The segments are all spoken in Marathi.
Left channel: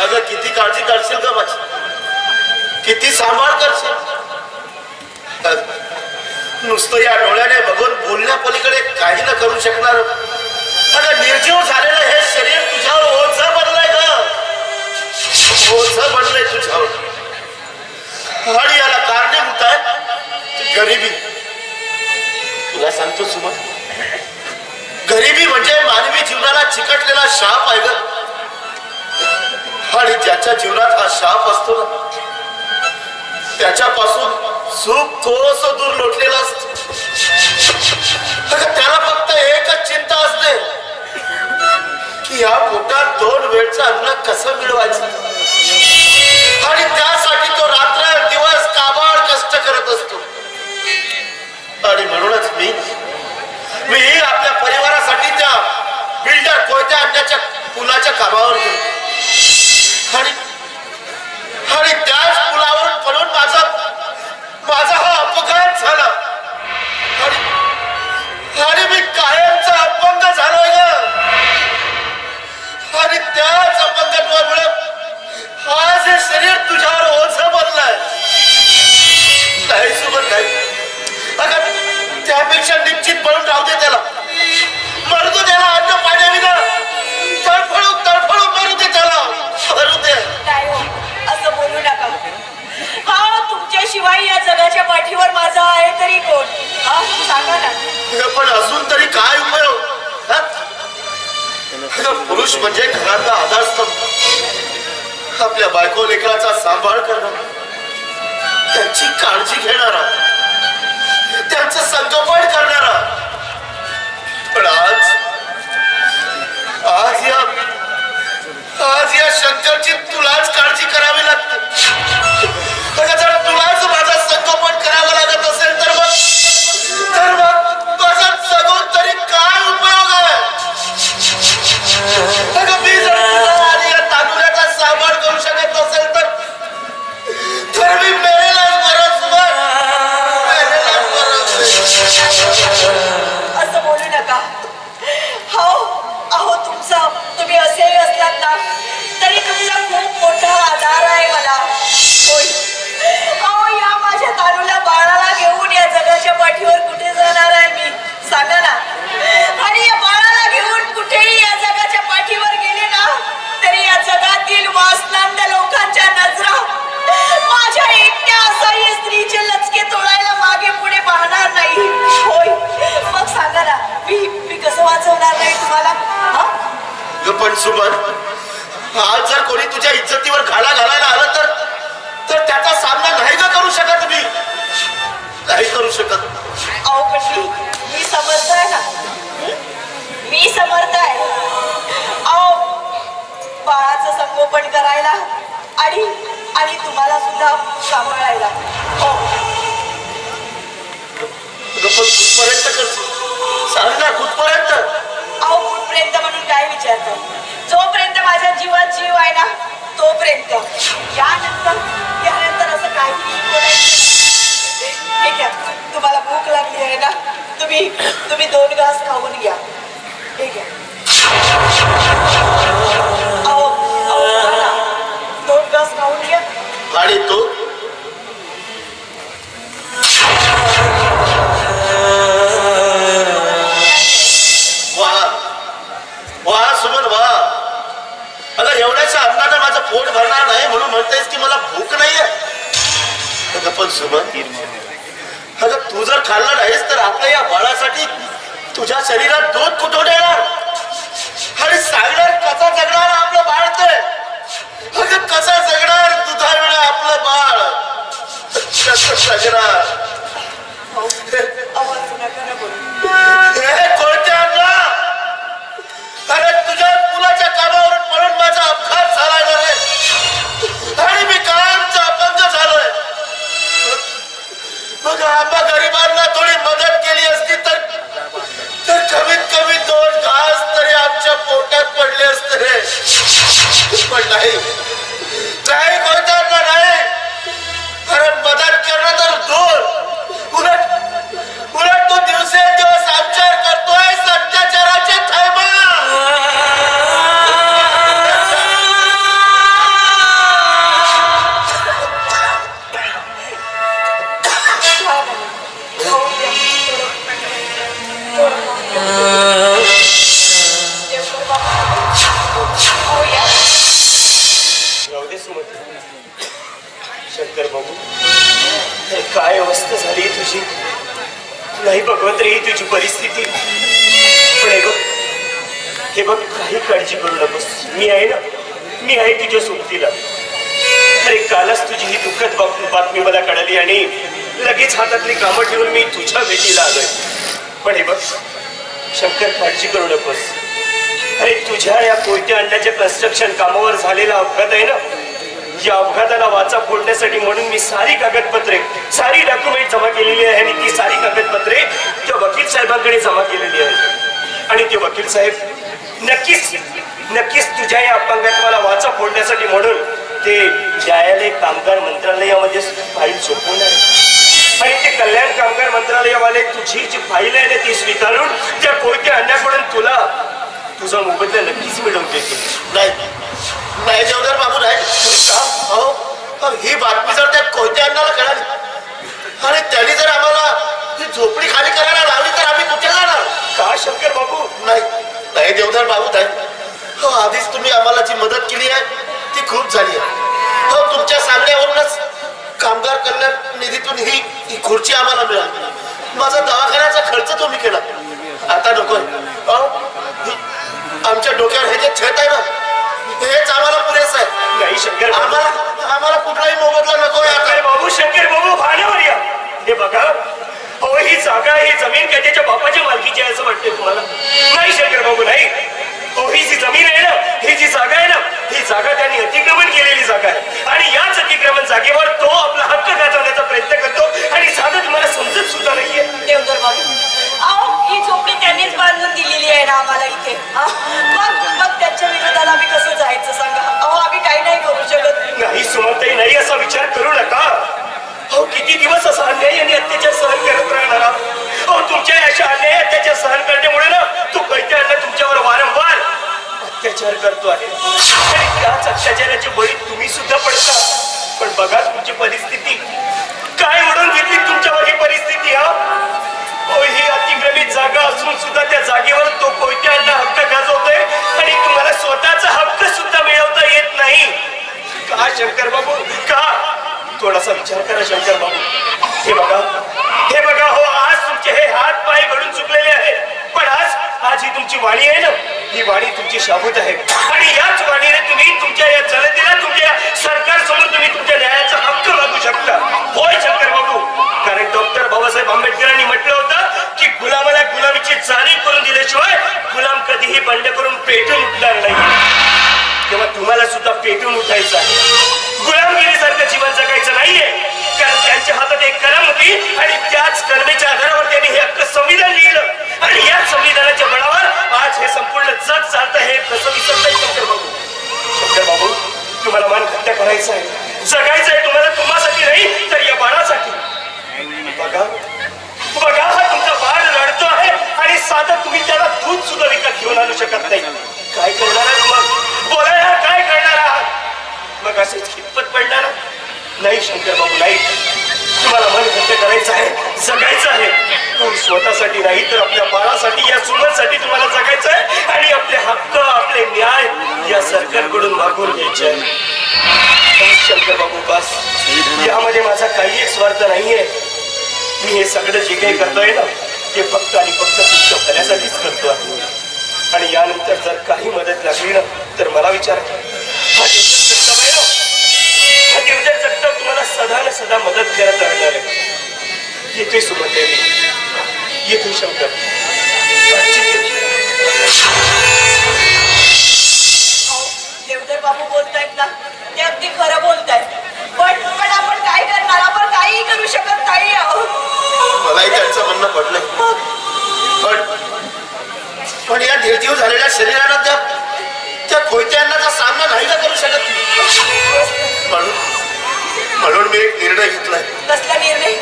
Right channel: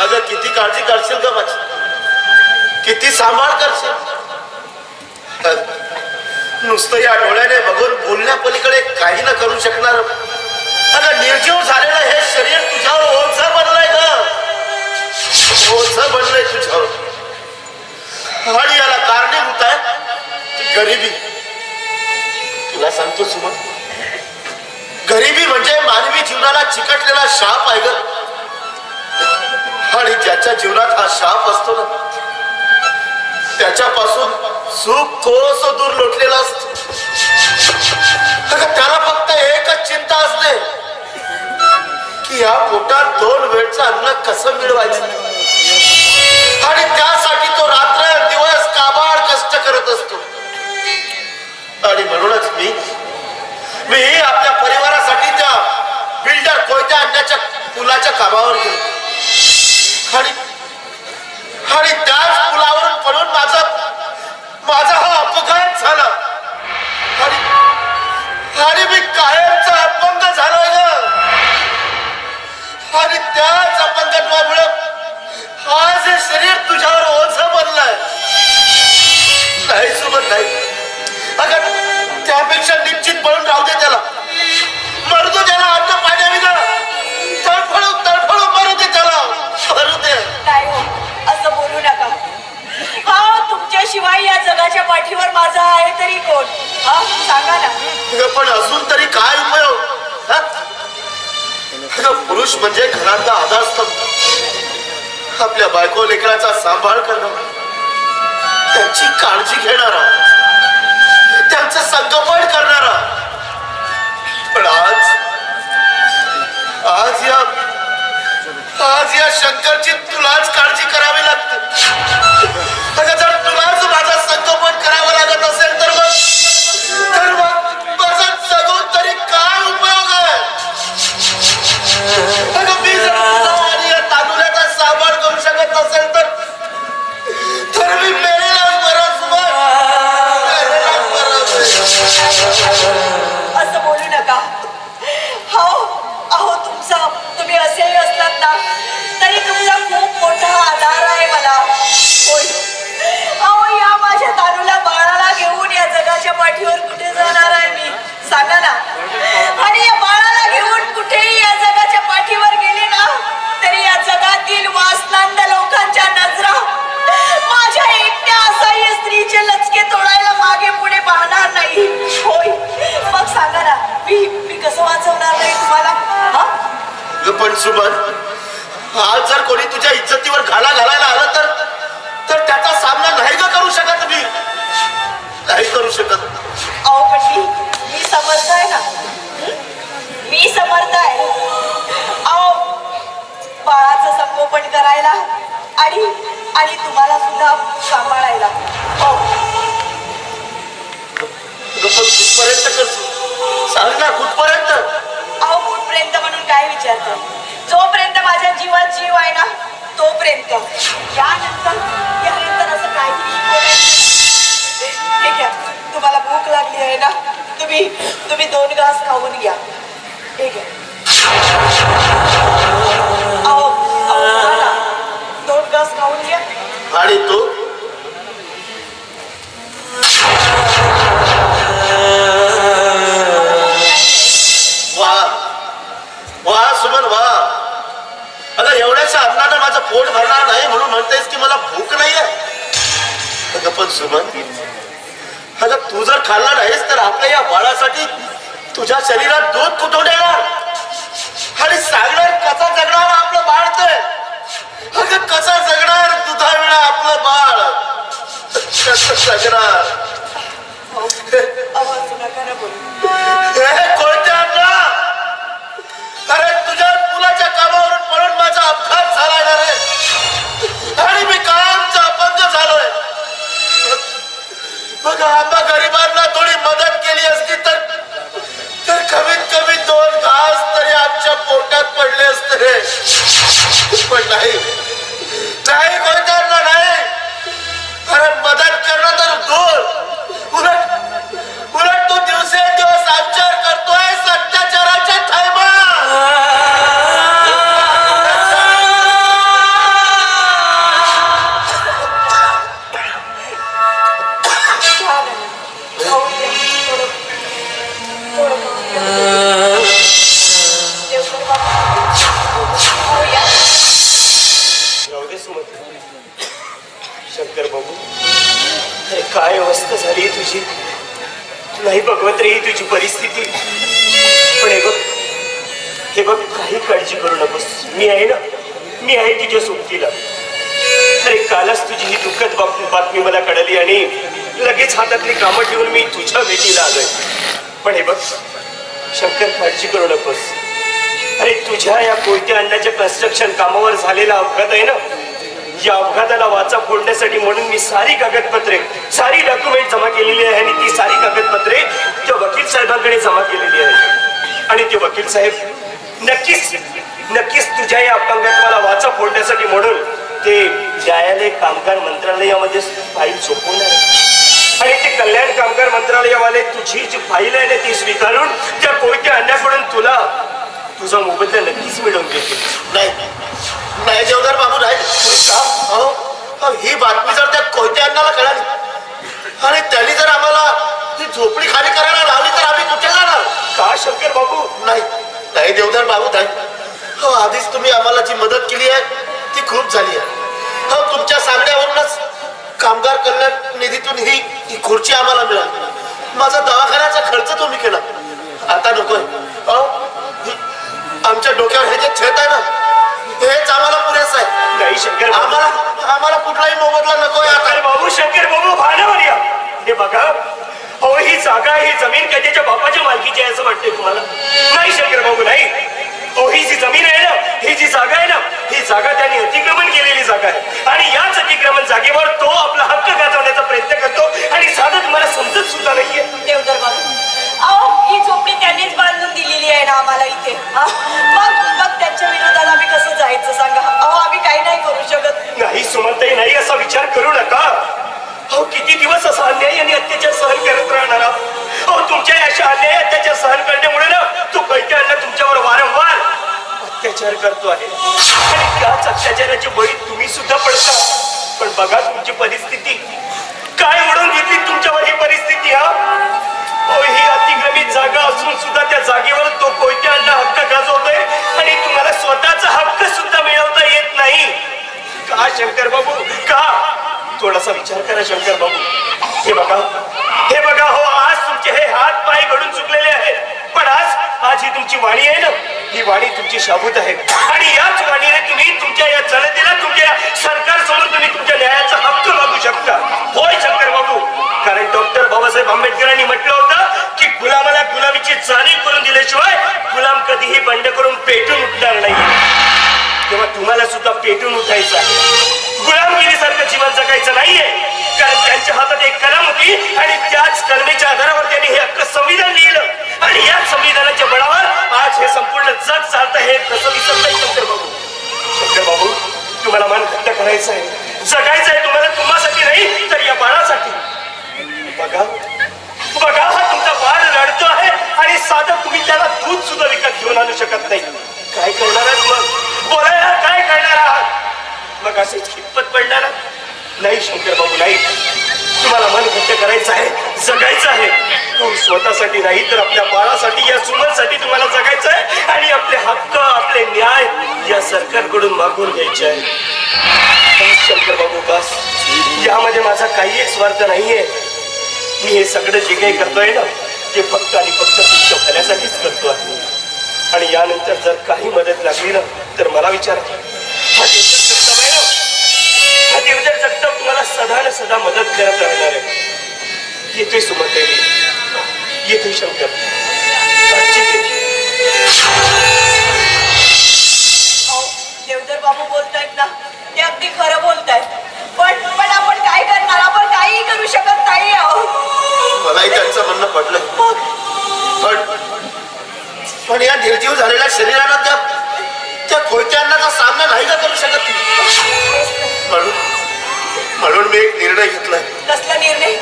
अगं किती काळजी करशील ग माझी, किती सांभाळ करशील. नुसतं या डोळ्याने बघून बोलण्या पलीकडे काही न करू शकणार. अगं निर्जीव झालेलं हे शरीर तुझ्यावर ओझं बनलंय ग, ओझं बनलंय तुझ्यावर. आणि याला कारणीभूत आहे गरिबी. तुला सांगतो सुमन, गरिबी म्हणजे मानवी जीवनाला चिकटलेला शाप आहे ग. आणि ज्याच्या जीवनात हा शाप असतो ना, त्याच्यापासून सुख कोस दूर लोटलेला असतो. त्याला फक्त एकच चिंता असते की या पोटात 2 वेळचं अन्न कसं मिळवायचं. आणि त्यासाठी तो रात्र दिवस काबाड कष्ट करत असतो. आणि म्हणूनच मी आपल्या परिवारासाठी त्या बिल्डर कोयत्या आणण्याच्या पुलाच्या कामावर गेलो. आणि त्याच पुलावरून पडून माझा हा अपघात झाला. आणि मी कायमचा अपंग झालोय ग. आणि त्याच अपंगत्वामुळे आज हे शरीर तुझ्यावर ओझं बनलंय. नाही सोबत नाही. अगं त्यापेक्षा निश्चित पळून राहू दे त्याला, मरू दे त्याला. अन्न पाण्याविना तडफडून मरू दे त्याला, मरू दे. नाही हो, असं बोलू नका. हा, तुमच्याशिवाय या जगाच्या पाठीवर माझा आहे तरी कोण? हा सांगा ना. पण अजून तरी काय उपयोग? पुरुष म्हणजे घरातला आधारस्तंभ, आपल्या बायको लेकराचा सांभाळ करणारा, त्यांची काळजी घेणारा, त्यांचं संगोपन करणारा. पण आज या शंकरची तुलाच काळजी करावी लागते. जर तुलाच माझं संगोपन करावं लागत असेल तर मग माझं जगून तरी काय उपयोग आहे? मी जर आणि या तांदुळ्याचा सांभाळ करू शकत नसेल तर मी मेलेलाच बरं. असं बोलू नका. हो, अहो तुम्ही असेही असलात ना तरी तुमचा खूप मोठा आधार आहे मला. होय, अहो या माझ्या तारूला बाळाला घेऊन या जगाच्या पाठीवर कुठे जाणार आहे मी? सांगा ना. आणि या बाळाला घेऊन कुठेही या जगाच्या पाठीवर गेले ना तरी या जगातील वासनांद लोकांच्या नजरा माझ्या एकट्या असह्य स्त्रीचे लचके तोडायला मागे पुढे पाहणार नाही. होय, मग सांगा ना, मी कसं वाचवणार नाही तुम्हाला? पण सुमन, आज जर कोणी तुझ्या इज्जतीवर घाला घालायला आलं तर त्याचा सामना नाही का करू शकत? मी नाही करू शकत. अहो पण मी समर्थ आहे ना, मी समर्थ आहे. अहो बाळाचं संगोपन करायला आणि तुम्हाला सुद्धा सांभाळायला. हो, कुठपर्यंत करतो? सांग ना, कुठपर्यंत? अहो कुठपर्यंत म्हणून काय विचारतो? जोपर्यंत माझ्या जीवात जीव आहे ना तोपर्यंत. यानंतर असं काही ठीक आहे. तुम्हाला भूक लागली आहे ना, तुम्ही 2 घास खाऊन घ्या. ठीक आहे. अहो 2 घास खाऊन घ्या. आणि तू? वा सुमन, वा. अगं एवढ्याशा अन्नानं माझं पोट भरणार नाही म्हणून म्हणतेस की मला भूक नाहीये? अगं पण सुमन, अगं तू जर खाल्ला नाहीस तर आपल्या या बाळासाठी तुझ्या शरीरात दूध कुठून येणार? आणि सांगणार कसा जगणार आपलं बाळ? ते अगं कसं जगणार दुधाविना आपलं बाळ? कसं जगणार? कोणत्या अण्णा? अरे तुझ्या मुलाच्या कामावरून पडून माझा अपघात झालाय ना रे. आणि मी कायमचा अपंग झालोय. बघा, आम्हा गरिबांना थोडी मदत केली असती तर कमीत कमी 2 घास तरी आमच्या पोटात पडले असते रे. पण नाही, कोणत्या नाही. अरे मदत करणं तर दूर, उलट तू दिवसेंदिवस आमच्यावर करतोय. काय अवस्था झाली तुझी. नाही भगवंत रे ही तुझी परिस्थिती. पण हे बघ काही काळजी करू नकोस. मी आहे ना, मी आहे तुझ्या सोबतीला. अरे कालच तुझी ही दुःखद बातमी मला कळली आणि लगेच हातातली कामं ठेवून मी तुझ्या भेटीला आलोय. पण हे बघ शंकर, काळजी करू नकोस. अरे तुझ्या या कोयत्या अन्नाच्या कन्स्ट्रक्शन कामावर झालेला अपघात आहे ना, या अपघाताला वाचा फोडण्यासाठी म्हणून मी सारी कागदपत्रे, सारी डॉक्युमेंट जमा केलेली आहे आणि ती सारी कागदपत्रे त्या वकील साहेबांकडे जमा केलेली आहे. आणि ते वकील साहेब नक्कीच तुझ्या या अपंगात्वाला वाचा फोडण्यासाठी म्हणून ते न्यायालय कामगार मंत्रालयामध्ये फाईल सोपवणार आहे. आणि ते कल्याण कामगार मंत्रालयावाले तुझी जी फाईल आहे ना ती स्वीकारून त्या कोयत्या अन्नाकडून तुला तुझा मोबदला नक्कीच मिळवून देतील. नाही देवदार बाबू नाही. ही बातमी जर त्या कोयत्या अन्नाला कळाली आणि त्यांनी जर आम्हाला ती झोपडी खाली करायला लावली तर आम्ही कुठे जाणार. का शंकर बाबू. नाही देवदार बाबू नाही. आधीच तुम्ही आम्हाला जी मदत केली आहे ती खूप झाली आहे. तुमच्या सांगण्यावरूनच कामगार कल्याण निधीतून ही खुर्ची आम्हाला मिळाली. माझा दवाखान्याचा खर्च तुम्ही केला. आता नकोय. आमच्या डोक्यावर हे जे छत आहे ना हेच आम्हाला पुरेसं आहे. नाही शंकर, आम्हाला कुठलाही मोबदला नकोय. आता बाबू, शंकर बाबू भानावर या. हे बघा हो, ही जागा, ही जमीन कधीच्या बापाच्या मालकीची आहे असं वाटतंय तुम्हाला. नाही शंकर बाबू नाही. ही जी जमीन आहे ना, ही जी जागा आहे ना, ही जागा त्यांनी अतिक्रमण केलेली जागा आहे. आणि याच अतिक्रमण जागेवर तो आपला हक्क गाजवण्याचा प्रयत्न करतो आणि साधं तुम्हाला समजत सुद्धा नाहीये. देवधर बाबू, ही झोपडी त्यांनीच बांधून दिलेली आहे ना आम्हाला इथे. मग त्यांच्या विरोधात आम्ही कसं जायचं सांगा. आम्ही काही नाही करू शकत. नाही सुमनताई, नाही असा विचार करू नका. किती दिवस असा अन्याय आणि अत्याचार सहन करत राहणार आहोत. तुमच्या अशा अन्याय अत्याचार सहन करण्यामुळे ना तो कोयत्या अन्न तुमच्यावर वारंवार अत्याचार करतो आहे आणि त्याच अत्याचाराची बळी तुम्ही सुद्धा पडता. पण बघा तुमची परिस्थिती काय म्हणून घेतली तुमच्यावर ही परिस्थिती. ही अतिक्रमित जागा असून सुद्धा त्या जागेवर तो कोयत्या अन्न हक्क गाजवतोय आणि तुम्हाला स्वतःचा हक्क सुद्धा मिळवता येत नाही. का शंकर बाबू, का? थोडासा विचार करा शंकर बाबू. हे बघा हो, आज तुमचे हे हात पाय घडून चुकलेले आहेत. पण आज ही तुमची वाणी आहे ना, ही वाणी तुमची शाबूत आहे. आणि याच वाणीने तुम्ही तुमच्या या जनतेला, तुमच्या सरकार समोर तुम्ही तुमच्या न्यायाचा हक्क मागू शकता. होय शंकर बाबू, कारण डॉक्टर बाबासाहेब आंबेडकरांनी म्हटलं होतं की गुलामाला गुलामीची जाणीव करून दिल्याशिवाय गुलाम कधीही बंड करून पेटून उठणार नाही. तेव्हा तुम्हाला सुद्धा पेटून उठायचं आहे. गुलामगिरीसारखं जीवन जगायचं नाहीये. कारण त्यांच्या हातात एक कलम होती आणि त्याच कलमेच्या आधारावर त्यांनी हे हक्क संविधान लिहिलं आणि याच संविधानाच्या बळावर आज हे संपूर्ण जग चालतं. हे कसं विसरताय शंकर बाबू? तुम्हाला मन घट्ट करायचं आहे, जगायचं आहे तुम्हाला, तुम्हासाठी नाही तर या बाळासाठी. बघा हा तुमचा बाळ रडतो आहे आणि साधं तुम्ही त्याला दूध सुद्धा विकत घेऊन आणू शकत नाही. काय करणार आहात मग? बोलायला काय करणार आहात? मग असेच हिप्पत पडणार नाही शंकर बाबू. नाही, तुम्हाला मन घट्ट करायचं आहे, जगायचं आहे. स्वतःसाठी नाही तर आपल्या बाळासाठी, या सुमनसाठी तुम्हाला जगायचं आहे आणि आपले हक्क, आपले न्याय या सरकारकडून मागून घ्यायचे आहे. शंकर बाबू बस, यामध्ये माझा काही स्वार्थ नाहीये. मी हे सगळं जे काही करतोय ना ते फक्त आणि फक्त तुमच्या भल्यासाठीच करतो आहे. आणि यानंतर जर काही मदत लागली ना तर मला विचार. हा देवधर जगताप तुम्हाला सदा मदत करत राहणार आहे. येतोय सुमनताई, येतोय शंकर. देवधर बाबू बोलतायत ना ते अगदी खरं बोलतायत. पण आपण काय करणार? आपण काहीही करू शकत नाही. मलाही त्यांचं म्हणणं पडलंय. पण या निर्जीव झालेल्या शरीराला त्या कोयत्या अन्नाचा सामना नाही का करू शकत. म्हणून मी एक निर्णय घेतलाय. कसला निर्णय?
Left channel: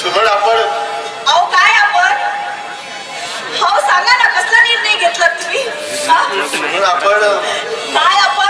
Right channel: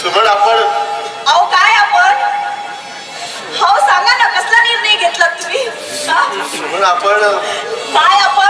सुमन आपण काय आपण? सांगा ना, कसला निर्णय घेतला तुम्ही? सुमन आपण काय आपण?